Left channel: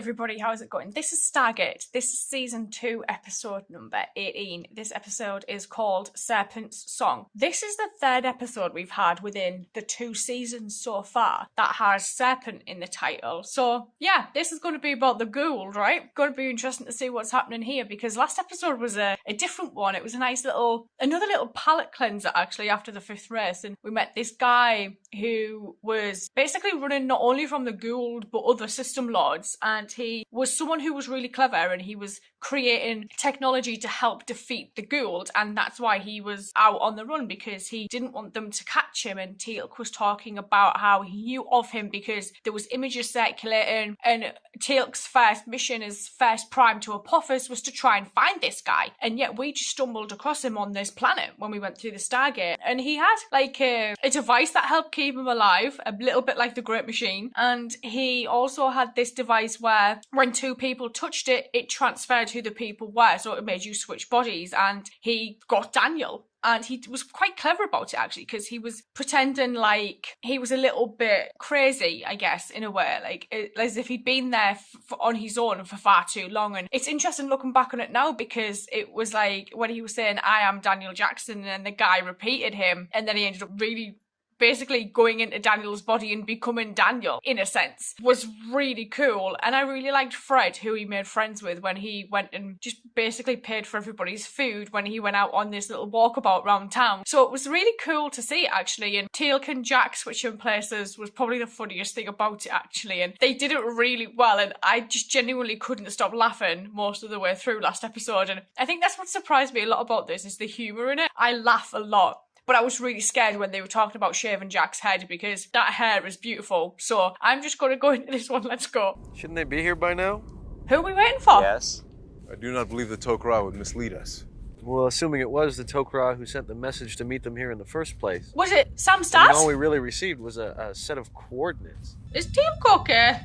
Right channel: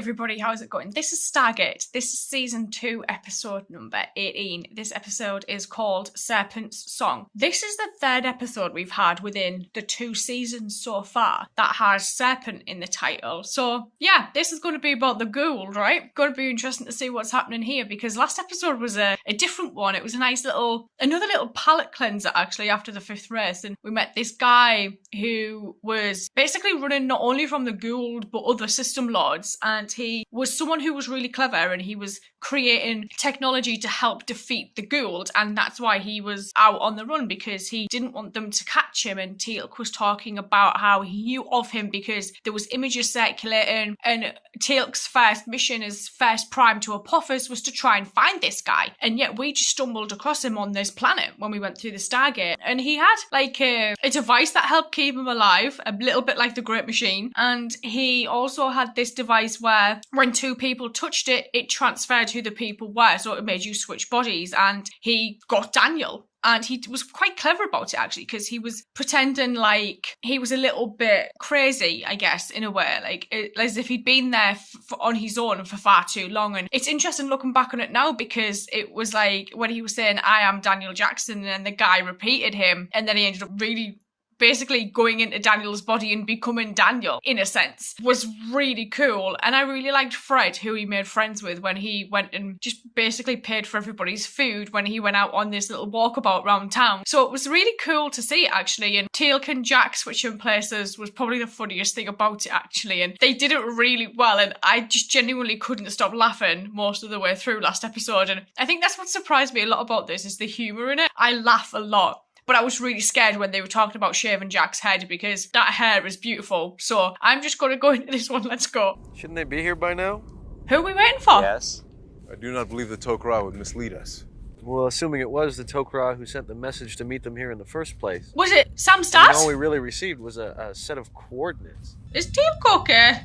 everybody, how's it going? This is Stargate. This is season 2, episode number 18. This episode is called Serpent's Song. This is the third episode we've had within the 2 seasons so far that has Serpent in the title. So yeah, this is going to be about the Gould, right? Going to be interesting to see what's happening here, because last episode was a different one. It was a nice another little palate cleanser actually after the 5th race, and we met this guy who was basically running not only from the Gould but other system lords, and he was someone who was really clever, and he was creating technology to help defeat the Gould, and that's why he was out on the run, because he didn't want them to catch him. And Teal'c was talking about how he knew of him because there was images circulating, and Teal'c's first mission as first prime to Apophis was to try and find this guy, and yet we just stumbled across him on this planet when we went through the Stargate, and he had like a device that helped keep him alive, a little bit like the Great Machine, and he also had this device where when 2 people touched it, it transferred who the people were, so it made you switch bodies, and he got Daniel. And he was quite clever about it, actually, because he was pretending like he was a little bit crazy, I guess, in a way, like as if he'd been there on his own for far too long. And it's interesting looking back on it now, because it was like when he was saying, "I am Daniel Jackson," and the guy repeated him, and then he ended up really basically going into Daniel's body and becoming Daniel, in a sense, was really cool. And I really liked Fred, who he made friends with when he went and just basically paid for everybody's food when he went out on this little walkabout around town. So it was really cool to see, actually. And Teal'c and Jack switching places was probably the funniest thing about it, actually. And they did it really well, and I just genuinely couldn't stop laughing most of the way through last episode. And I think that's what surprised me a lot about this, is the humour in it. I laugh a lot. But I was really scared when they were talking about shaving Jack's head, because that hair is beautiful. So I'm just going to go into this one. Let's go. Shouldn't they be here by now? Who are we waiting for? Yes. I do not believe the Sokar would mislead us. Well, assuming it was the Sokar who sent the message to meet them here in the first place. Was it Sam I Stas? mean, all we really received was a set of coordinates. Is Teal'c okay?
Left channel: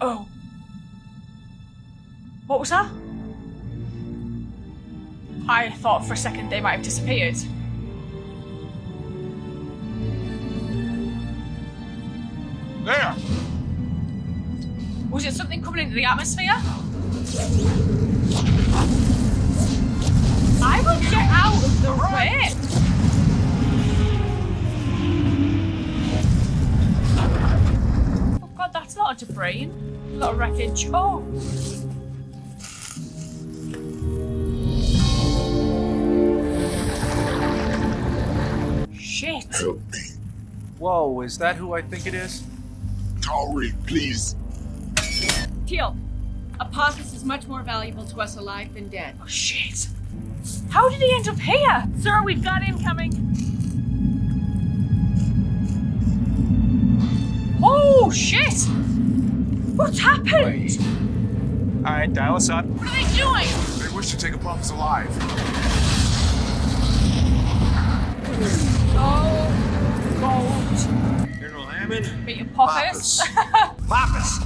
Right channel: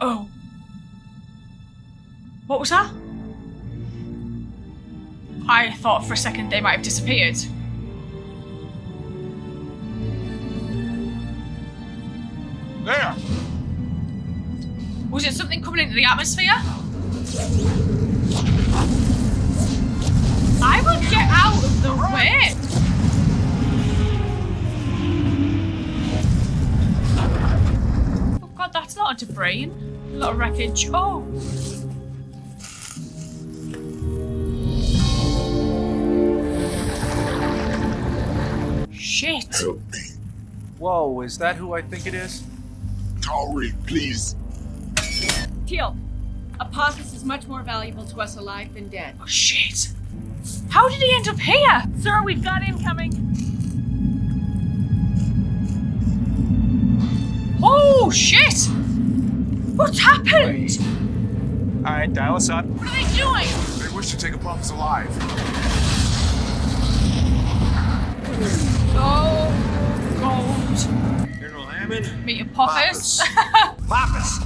Oh. What was that? I thought for a second they might have disappeared. There! Was it something coming into the atmosphere? I will get out of the way. Oh god, that's not a debris. A lot of wreckage. Oh! Shit. Help me. Whoa, is that who I think it is? Tauri, please. Teal'c, Apophis is much more valuable to us alive than dead. Oh shit. How did he end up here? Sir, we've got incoming. Oh shit! What's happened? All right, dial us up. What are they doing? They wish to take Apophis alive. Oh god. General Hammond. Meet Apophis. Apophis.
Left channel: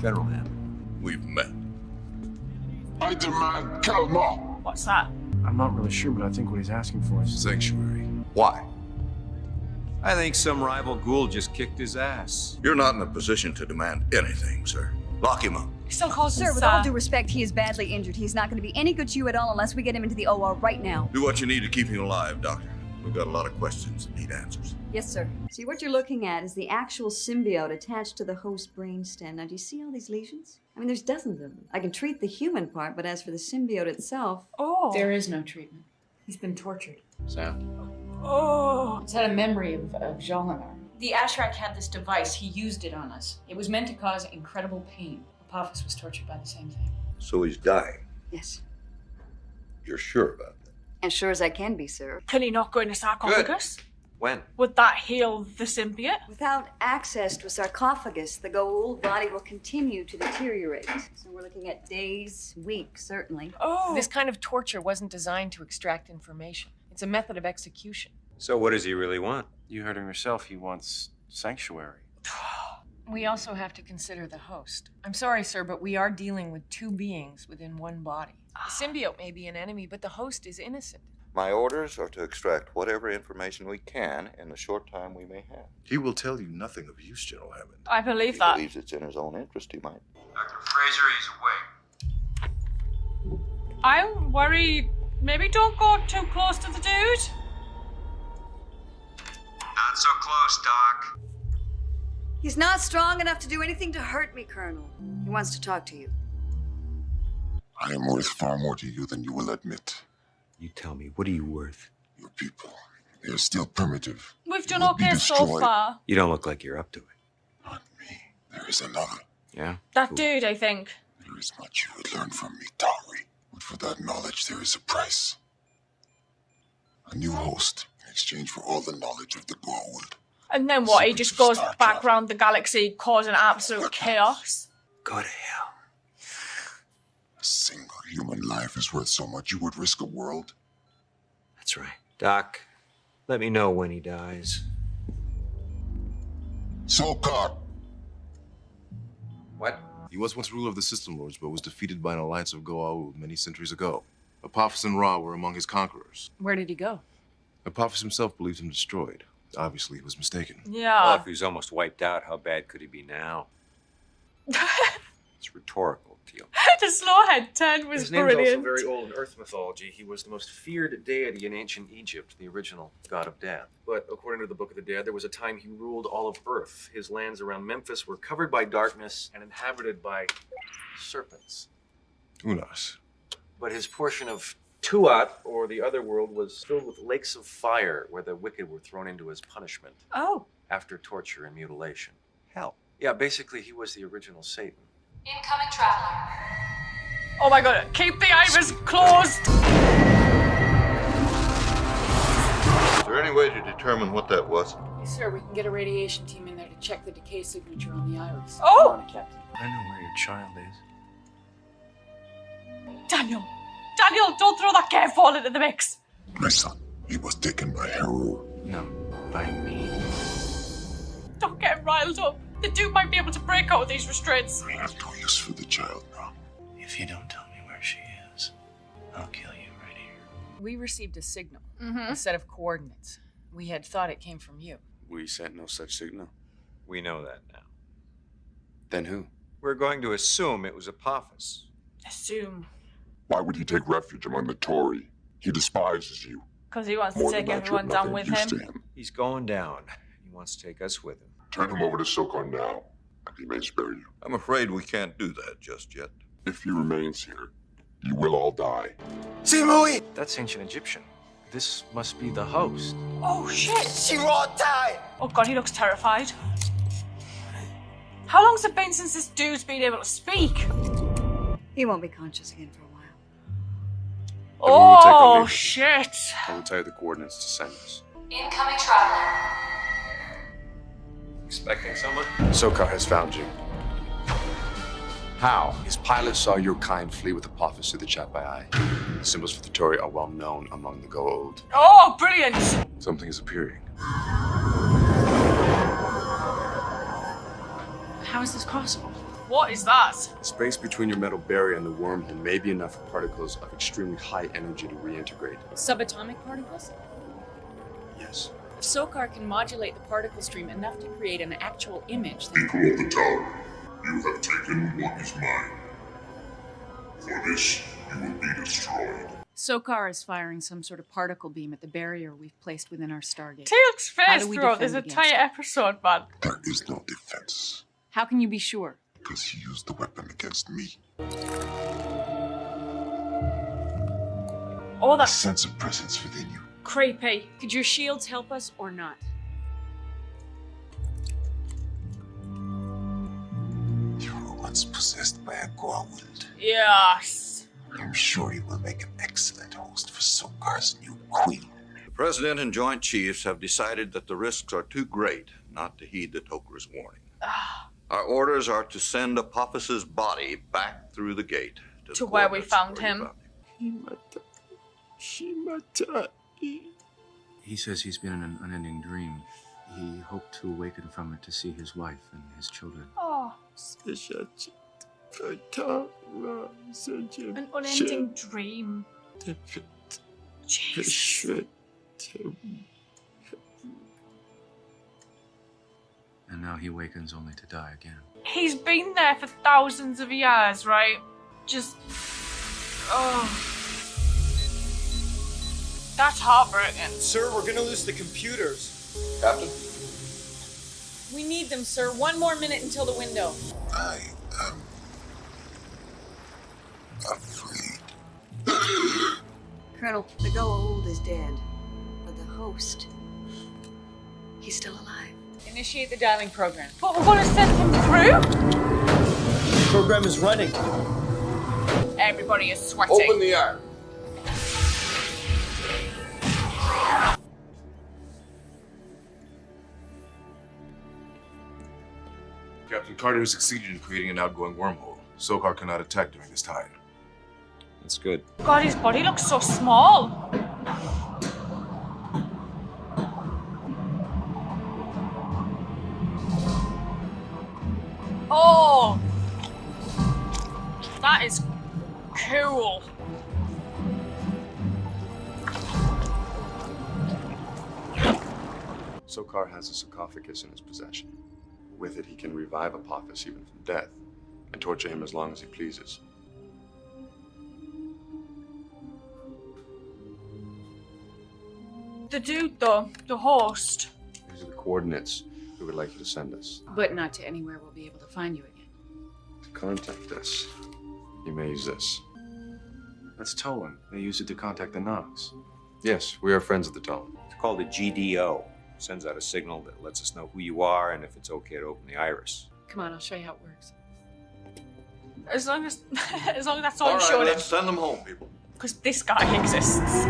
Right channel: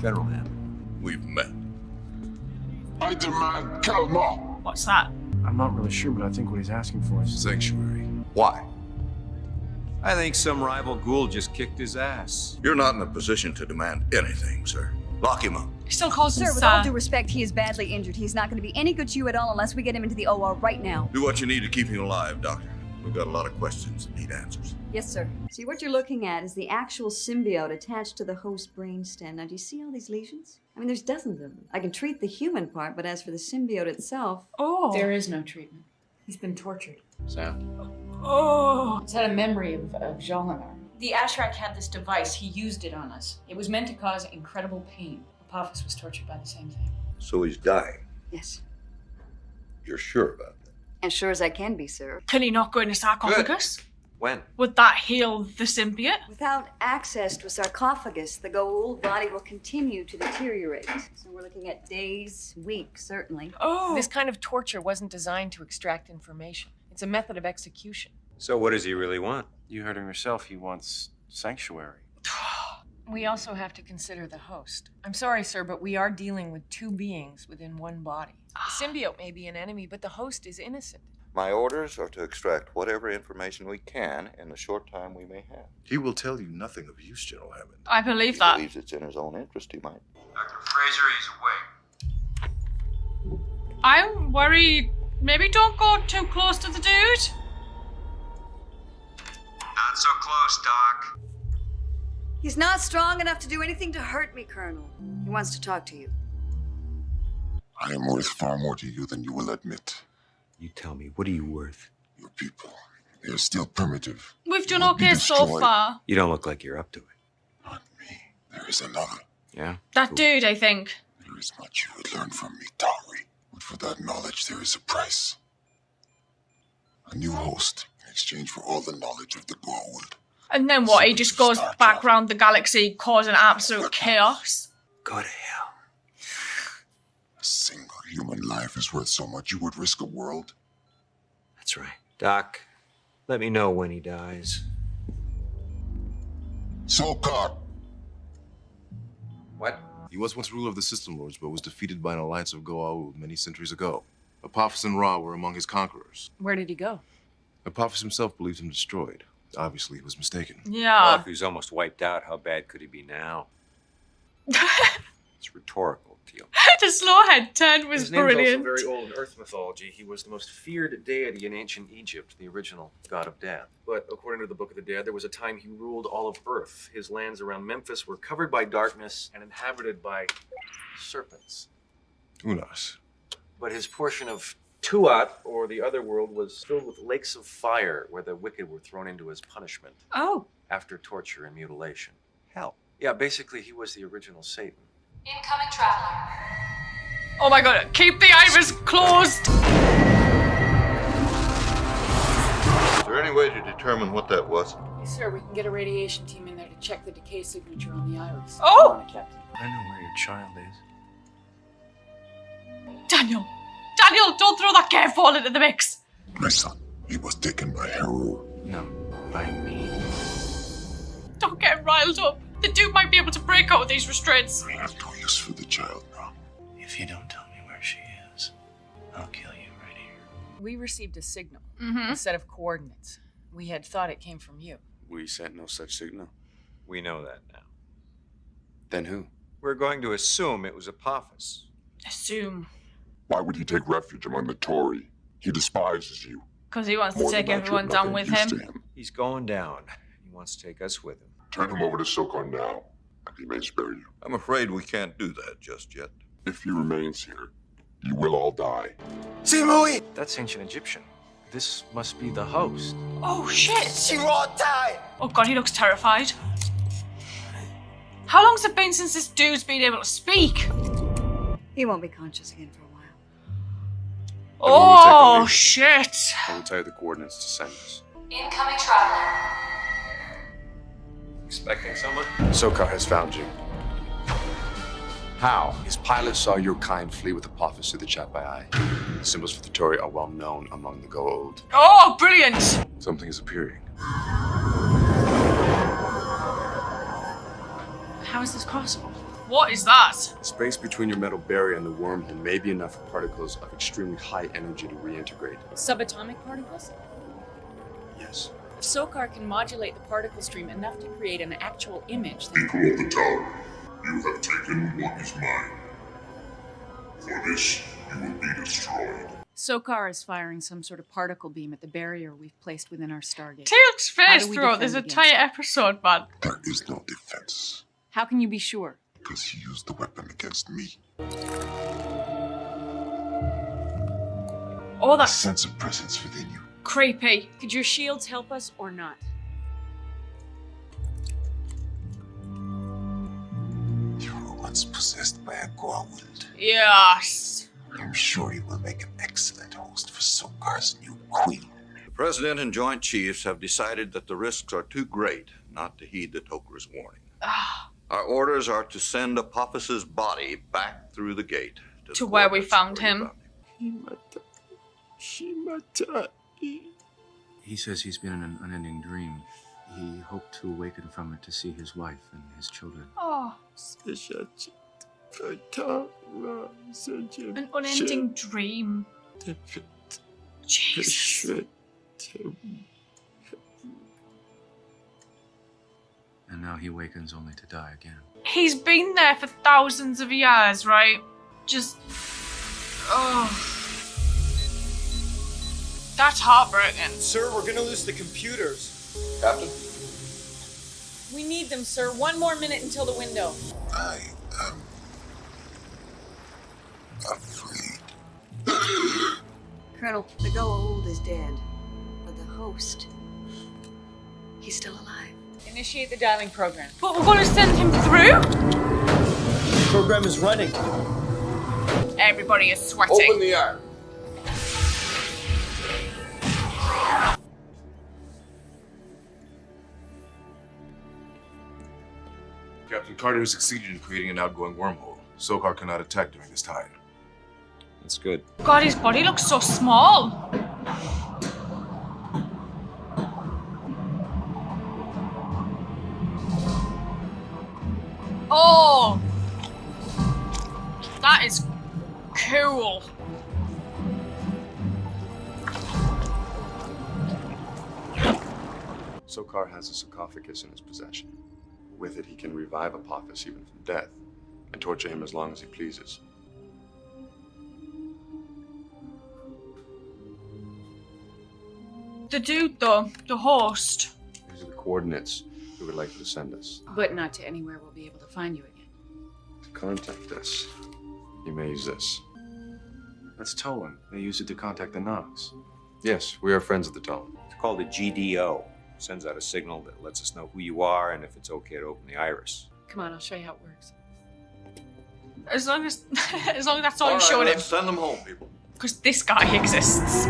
General Hammond, we've met. I demand Kalma. What's that? I'm not really sure, but I think what he's asking for is... Sanctuary. Why? I think some rival ghoul just kicked his ass. You're not in a position to demand anything, sir. Lock him up. He still calls Sir, us, with all due respect, he is badly injured. He's not going to be any good to you at all unless we get him into the OR right now. Do what you need to keep him alive, Doctor. We've got a lot of questions that need answers. Yes, sir. See, what you're looking at is the actual symbiote attached to the host brainstem. Now, do you see all these lesions? I mean, there's dozens of them. I can treat the human part, but as for the symbiote itself... Oh. There is no treatment. He's been tortured. Sam? Oh. He's had a memory of Jolinar. The Ashrak had this device. He used it on us. It was meant to cause incredible pain. Apophis was tortured by the same thing. So he's dying. Yes. You're sure about that? As sure as I can be, sir. Can he not go into sarcophagus? When? Would that heal the symbiote? Without access to a sarcophagus, the Goa'uld body will continue to deteriorate. So we're looking at days, weeks, certainly. Oh. This kind of torture wasn't designed to extract information. It's a method of execution. So what does he really want? You heard him yourself. He wants sanctuary. We also have to consider the host. I'm sorry, sir, but we are dealing with 2 beings within one body. The symbiote may be an enemy, but the host is innocent. My orders are to extract whatever information we can in the short time we may have. He will tell you nothing of use, General Hammond. I believe He that. believes it's in his own interest, he might. Dr. Fraser, he's awake. I'm worried. Maybe don't go too close to the dude. Not so close, Doc. He's not strong enough to do anything to hurt me, Colonel. He wants to talk to you. I am worth far more to you than you will admit. You tell me, what are you worth? Your people, they are still primitive. We've done They will be okay so destroyed. far. You don't look like you're up to it. Not me. There is another. Yeah? That dude, I think. There is much you would learn from me, Tauri. But for that knowledge, there is a price. A new host in exchange for all the knowledge of the Goa'uld. And then what? He Secrets just of goes Star back travel. around the galaxy causing absolute chaos. Go to hell. A single human life is worth so much you would risk a world. That's right. Doc, let me know when he dies. Sokar! What? He was once ruler of the System Lords, but was defeated by an alliance of Goa'uld many centuries ago. Apophis and Ra were among his conquerors. Where did he go? Apophis himself believed him destroyed. Obviously, he was mistaken. Well, Yeah. if he's almost wiped out, how bad could he be now? It's rhetorical, Teal. The slowhead turn was His name's brilliant. also very old in Earth mythology. He was the most feared deity in ancient Egypt, the original god of death. But according to the Book of the Dead, there was a time he ruled all of Earth. His lands around Memphis were covered by darkness and inhabited by serpents. Unas. But his portion of Tuat, or the other world, was filled with lakes of fire where the wicked were thrown into as punishment Oh. after torture and mutilation. Hell. Yeah, basically, he was the original Satan. Incoming traveler. Oh my god. Keep the iris closed. Is there any way to determine what that was? Yes, sir. We can get a radiation team in there to check the decay signature on the iris. Oh. Captain. I know where your child is. Daniel. Daniel, don't throw that curveball into the mix. My son, he was taken by Heru. No, by me. Don't get riled up. The dude might be able to break out of these restraints. I have no use for the child now. If you don't tell me where she is, I'll kill you right here. We received a signal, Mm-hmm. a set of coordinates. We had thought it came from you. We sent no such signal. We know that now. Then who? We're going to assume it was Apophis. Assume. Why would he take refuge among the Tory? He despises you. Because he wants to More take than that, you're everyone down nothing with used to him. him. He's going down. He wants to take us with him. Turn him over to Sokar now, and he may spare you. I'm afraid we can't do that just yet. If he remains here, you will all die. That's ancient Egyptian. This must be the host. Oh shit. She won't die. Oh god, he looks terrified. How long's it been since this dude's been able to speak? He won't be conscious again for a while. Then we will take our Oh leave. shit. I will tell you the coordinates to send us. Incoming traveler. Expecting someone? Sokar has found you. How? His pilots saw your kind flee with Apophis through the Chapai Eye. The symbols for the Tory are well known among the Goa'uld. Oh, brilliant. Something is appearing. How is this possible? What is that? The space between your metal barrier and the wormhole may be enough for particles of extremely high energy to reintegrate. Subatomic particles? Yes. Sokar can modulate the particle stream enough to create an actual image. People of the tower, you have taken what is mine. For this, you will be destroyed. Sokar is firing some sort of particle beam at the barrier we've placed within our Stargate. Taylor's How face do we throughout this defend entire against episode, man. There is no defense, How can you be sure? because he used the weapon against me. Oh, I that's sense a presence within you. creepy. Could your shields help us or not? You were once possessed by a Goa'uld. Yes. I'm sure you will make an excellent host for Sokar's new queen. The President and Joint Chiefs have decided that the risks are too great not to heed the Toker's warning. Our orders are to send Apophis's body back through the gate To where we coordinates found where you him. He says he's been in an unending dream. He hoped to awaken from it to see his wife and his children. Oh, an unending dream. Jesus. And now he wakens only to die again. He's been there for thousands of years, right? Just... Oh. That's heartbreaking. Sir, we're gonna lose the computers. Captain? We need them, sir. 1 more minute until the window. I am afraid. Colonel, the Goa'uld is dead, but the host, he's still alive. Initiate the dialing program. But we're gonna send him through? The program is running. Everybody is sweating. Open the air. Captain Carter has succeeded in creating an outgoing wormhole. Sokar cannot attack during this time. That's good. God, his body looks so small. Oh! That is cool. Sokar has a sarcophagus in his possession. With it, he can revive Apophis even from death and torture him as long as he pleases. The dude, though, the host. These are the coordinates we would like you to send us. But not to anywhere we'll be able to find you again. To contact us, you may use this. That's Tolan. They use it to contact the Nox. Yes, we are friends of the Talon. It's called a GDO. Sends out a signal that lets us know who you are and if it's okay to open the iris. Come on, I'll show you how it works. As long as that's all, All I'm right, showing let's him. send them home, people. Because this guy exists.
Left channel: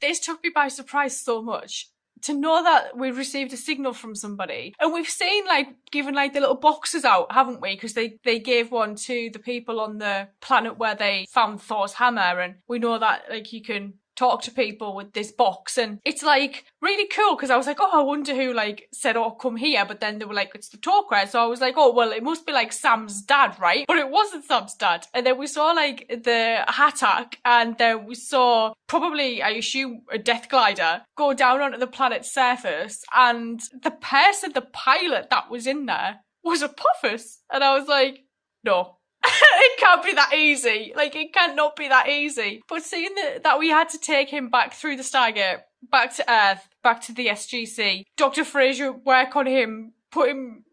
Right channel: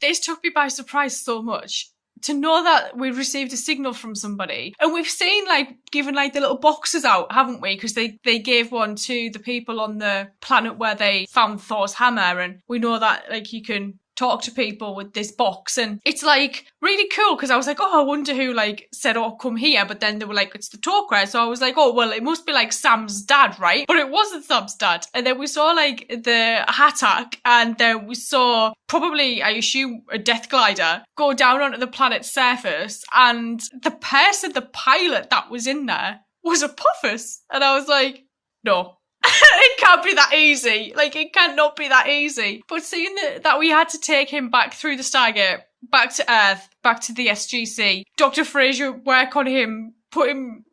This took me by surprise so much. To know that we've received a signal from somebody. And we've seen, given, the little boxes out, haven't we? Because they gave one to the people on the planet where they found Thor's hammer. And we know that, you can talk to people with this box, and it's really cool because I was like, oh, I wonder who said, oh, come here, but then they were like, it's the Tok'ra, so I was like, oh, well, it must be Sam's dad, right? But it wasn't Sam's dad. And then we saw the Hatak, and then we saw probably, I assume, a death glider go down onto the planet's surface, and the pilot that was in there was Apophis, and I was like, no. It can't be that easy. It cannot be that easy. But seeing that we had to take him back through the Stargate, back to Earth, back to the SGC, Dr. Fraser work on him, put him,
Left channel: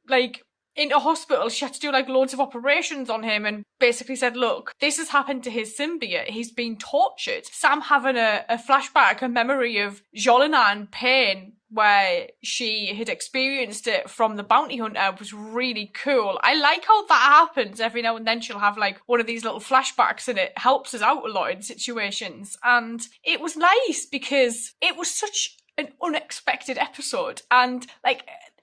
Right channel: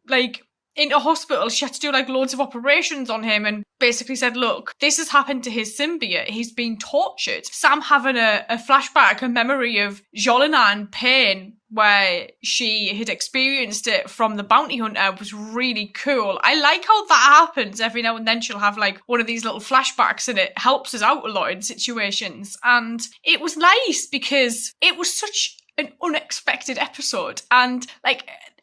into hospital. She had to do, loads of operations on him and basically said, look, this has happened to his symbiote. He's been tortured. Sam having a flashback, a memory of Jolinan pain where she had experienced it from the bounty hunter was really cool. I like how that happens. Every now and then she'll have one of these little flashbacks and it helps us out a lot in situations. And it was nice because it was such an unexpected episode. And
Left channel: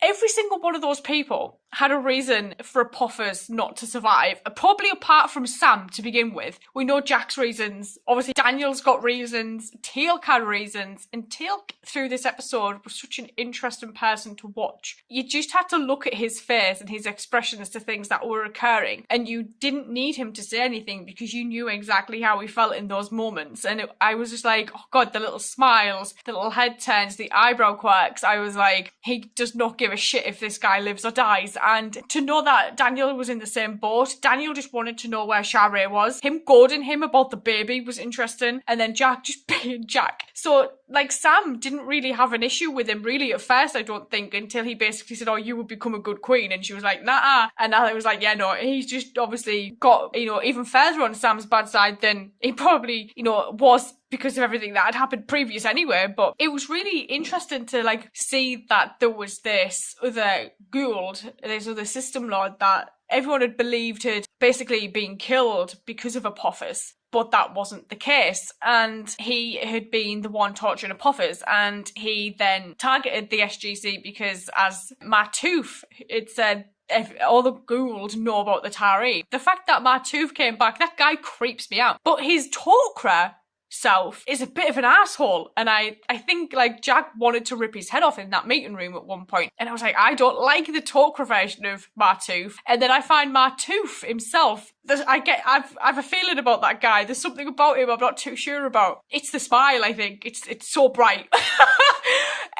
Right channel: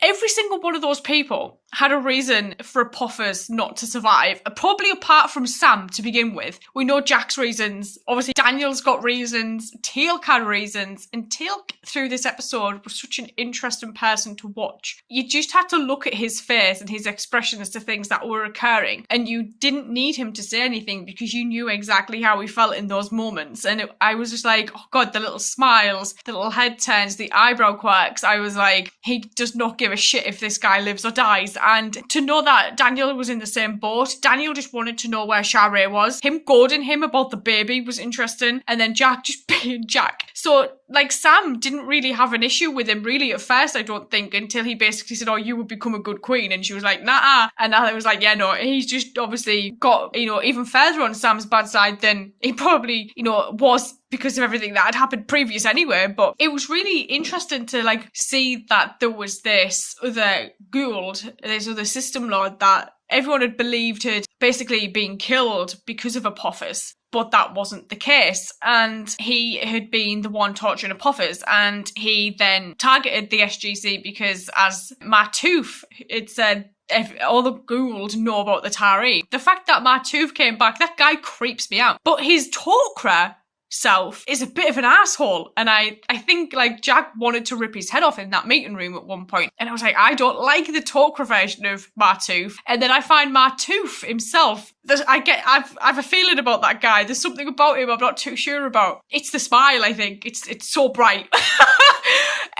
every single one of those people had a reason for Apophis not to survive, probably apart from Sam to begin with. We know Jack's reasons. Obviously, Daniel's got reasons. Teal'c had reasons. And Teal'c, through this episode, was such an interesting person to watch. You just had to look at his face and his expressions to things that were occurring. And you didn't need him to say anything because you knew exactly how he felt in those moments. And I was just like, oh God, the little smiles, the little head turns, the eyebrow quirks. I was like, he does not give a shit if this guy lives or dies. And to know that Daniel was in the same boat, Daniel just wanted to know where Sharae was. Him goading him about the baby was interesting. And then Jack just being Jack. So, Sam didn't really have an issue with him, really, at first, I don't think, until he basically said, oh, you would become a good queen. And she was like, nah. And I was like, yeah, no, he's just obviously got, even further on Sam's bad side than he probably, was because of everything that had happened previous anyway. But it was really interesting to, see that there was this other Goa'uld, this other system lord that everyone had believed had basically been killed because of Apophis. But that wasn't the case. And he had been the one torturing Apophis. And he then targeted the SGC because, as Martouf had said, all the Goa'uld know about the Tari. The fact that Martouf came back, that guy creeps me out. But his Tok'ra self is a bit of an asshole. And I think like Jack wanted to rip his head off in that meeting room at one point. And I was like, I don't like the Tok'ra version of Martouf. And then I find Martouf himself. I've a feeling about that guy. There's something about him I'm not too sure about. It's the smile, I think. It's so bright.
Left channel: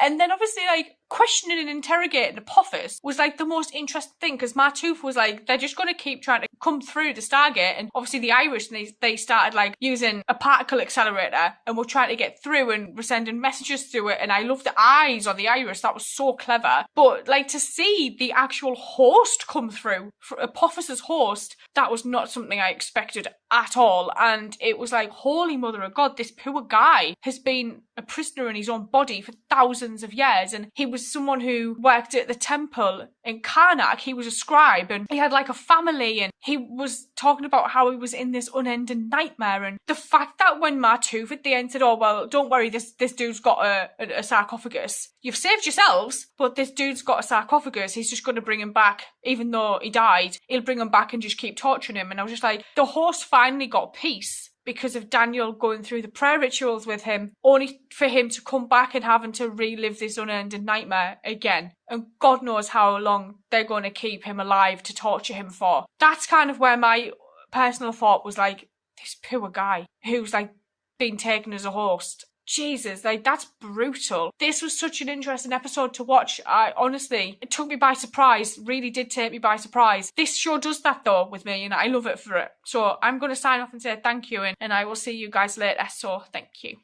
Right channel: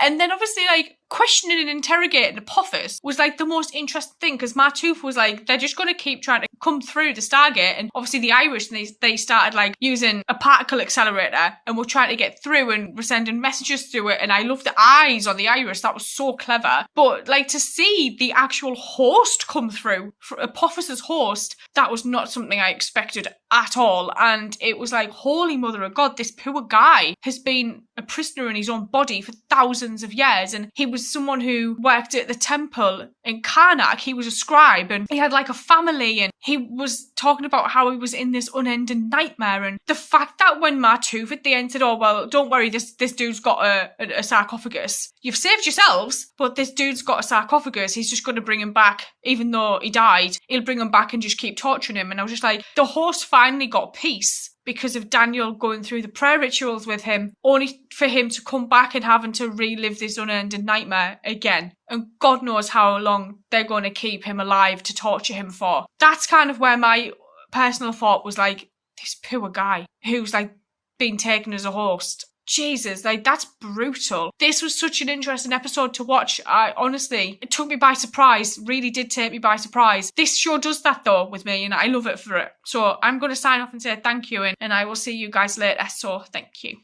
And then obviously like questioning and interrogating Apophis was like the most interesting thing, because Martouf was like, they're just going to keep trying to come through the Stargate, and obviously the Irish, and they started like using a particle accelerator and were trying to get through and were sending messages through it, and I love the eyes on the Irish. That was so clever. But like to see the actual host come through, Apophis's host, that was not something I expected at all. And it was like, holy mother of God, this poor guy has been a prisoner in his own body for thousands of years, and he was someone who worked at the temple in Karnak. He was a scribe, and he had like a family, and he was talking about how he was in this unending nightmare. And the fact that when Martouf at the end said, oh well, don't worry, this dude's got a sarcophagus, you've saved yourselves, but this dude's got a sarcophagus, he's just going to bring him back. Even though he died, he'll bring him back and just keep torturing him. And I was just like, the host finally got peace because of Daniel going through the prayer rituals with him, only for him to come back and having to relive this unending nightmare again. And God knows how long they're going to keep him alive to torture him for. That's kind of where my personal thought was like, this poor guy who's like been taken as a host. Jesus, like that's brutal. This was such an interesting episode to watch. Honestly, it took me by surprise. Really did take me by surprise. This show does that though with me, and I love it for it. So I'm going to sign off and say thank you, and I will see you guys later. So thank you.